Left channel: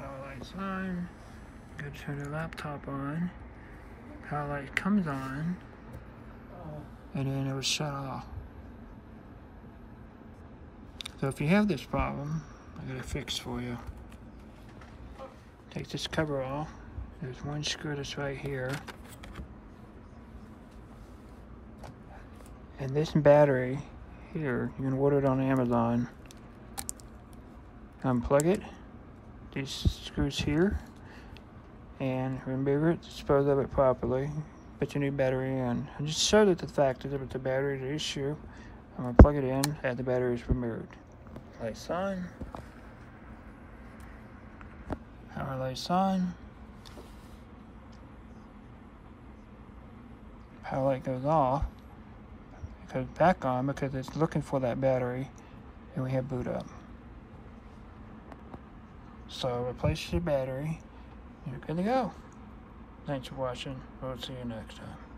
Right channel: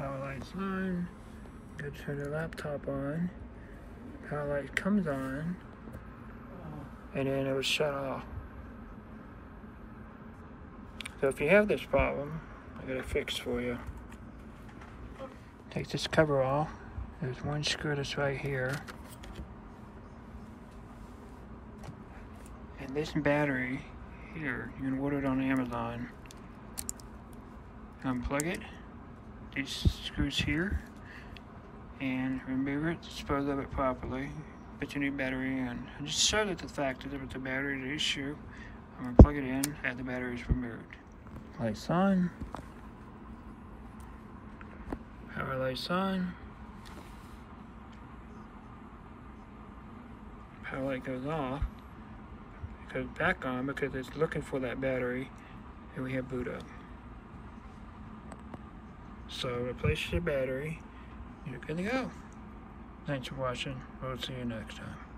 Power light's on. Go turn the laptop on. Power light comes on. And then it was shut off. So if you have this problem, I got a fix for you. Take this cover off. There's one screw that's right here. And this battery here, you can order it on Amazon. Unplug it, these screws here, and remove it, dispose of it properly, put your new battery in. And just show that the fact that if the battery is an issue, I'm going to plug it in and the battery is removed. Lights on. Power lights on. Power light goes off. It goes back on because it's looking for that battery, and we have boot up. So replace your battery, and you're good to go. Thanks for watching. We'll see you next time.